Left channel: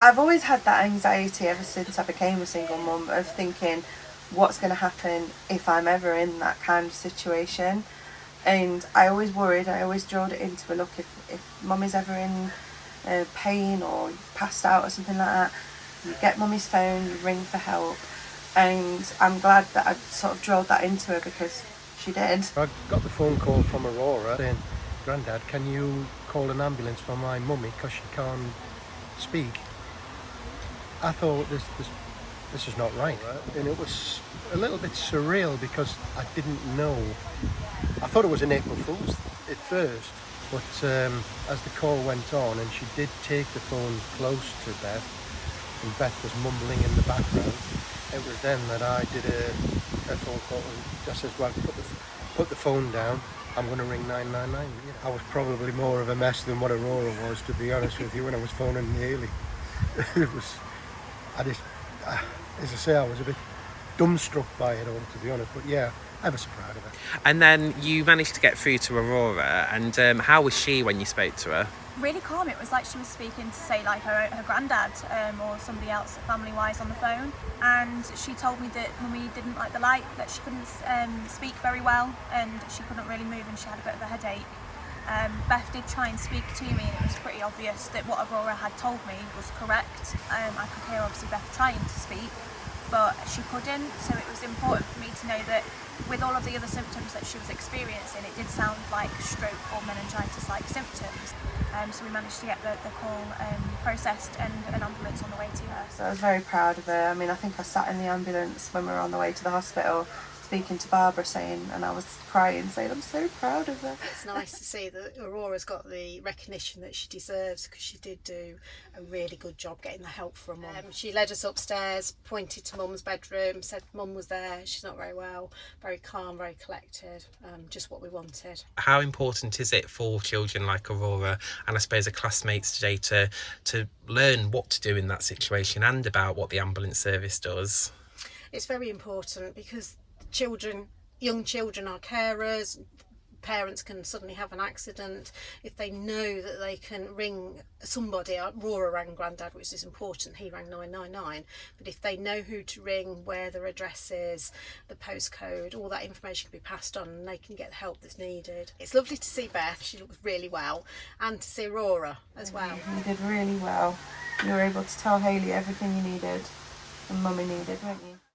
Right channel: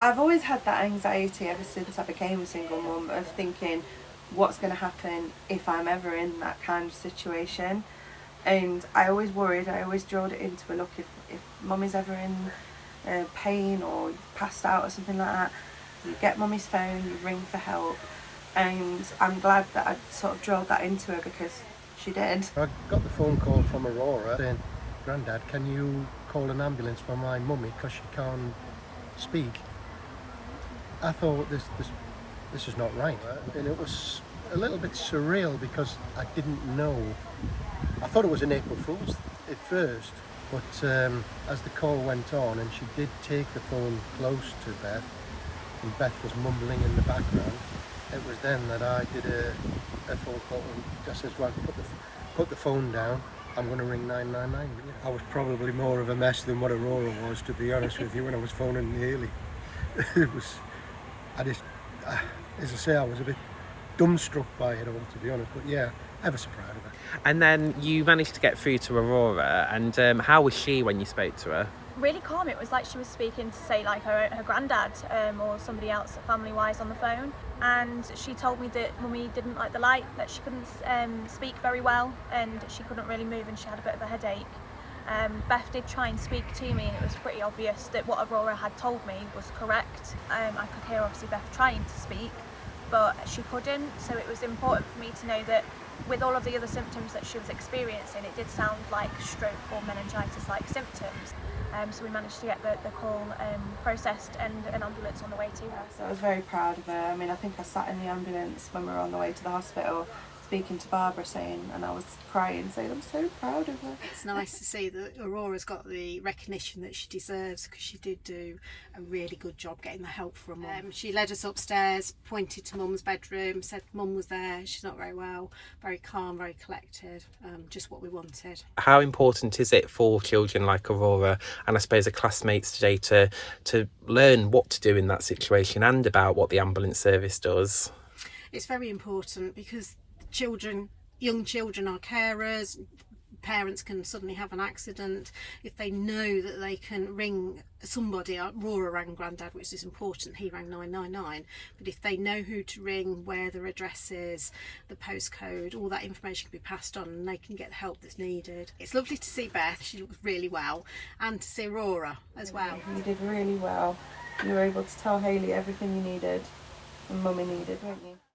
I've always had that anxiety ever since I became a single mum of thinking what's going to happen if I'm ever in that kind of situation. And I always worried, I always drilled it into a look, if mum is ever in pain or passed out or something like that, you get mummy's phone, you ring for help. And I'm glad that I sort of drilled that into her because she did. I got the phone call from Aurora saying, "Grandad, can you call an ambulance for my mummy because she can't speak?" I thought this is not right, and it was a little bit surreal because I didn't know. I thought it was an April Fool's at first, but as the call went on and she did take the phone close to Beth, and Beth was mumbling in the background, it was then that I did a phone call and just said, "Well, put the phone down. I'm going to ring 999." I was probably more of a mess than what Aurora was, to be honest with you, when I was phoning Nearly. It was, I just, as I say, I was a bit dumbstruck by it all, to be honest. But yeah, ever so proud of it. And then you managed to get through to Aurora, and how was she when you spoke to her? Really calm. It was like she was speaking to, say, like her granddad or somebody else family-wise on the phone, and she told me that mummy didn't like the light, that she couldn't speak very well, and she couldn't really move, and she had a bit of a headache. Beth did try and speak to me, and it was pretty obvious that what Aurora had told me was correct. I could hear obviously Beth trying to speak, but she couldn't, so it was important for me to know that with all of the other symptoms that she was experiencing, it did sound like stroke or meningitis-like symptoms. So we managed to get the call processed and an ambulance on the way to her. So I was very proud of her. I mean, I think I sat in the ambulance when we were on the way to the hospital speaking to Barbara saying, and I was crying saying, I'm so proud of her. It's nice to see that Aurora's got the recognition that she deserves, because she did do a really good job getting the help from mum. She led us upstairs, pointed to mum's bedroom, said mum was there, she's not very well, very calm, very collected, just what we wanted. How important is it for children like Aurora and I suppose her classmates today to learn what to do in that situation and about what the ambulance service does? It's very important because young children are carers. Parents can suddenly have an accident. If they know that they can ring somebody, Aurora rang Grandad, which is important, he rang 999, but if they know who to ring, where their address is, the postcode, all that information can be passed on and they can get the help that's needed. It's lovely to see Beth, she looks really well, and to see Aurora as well. You did really well. You were able to tell Hayley everything you needed and mummy needed, weren't you?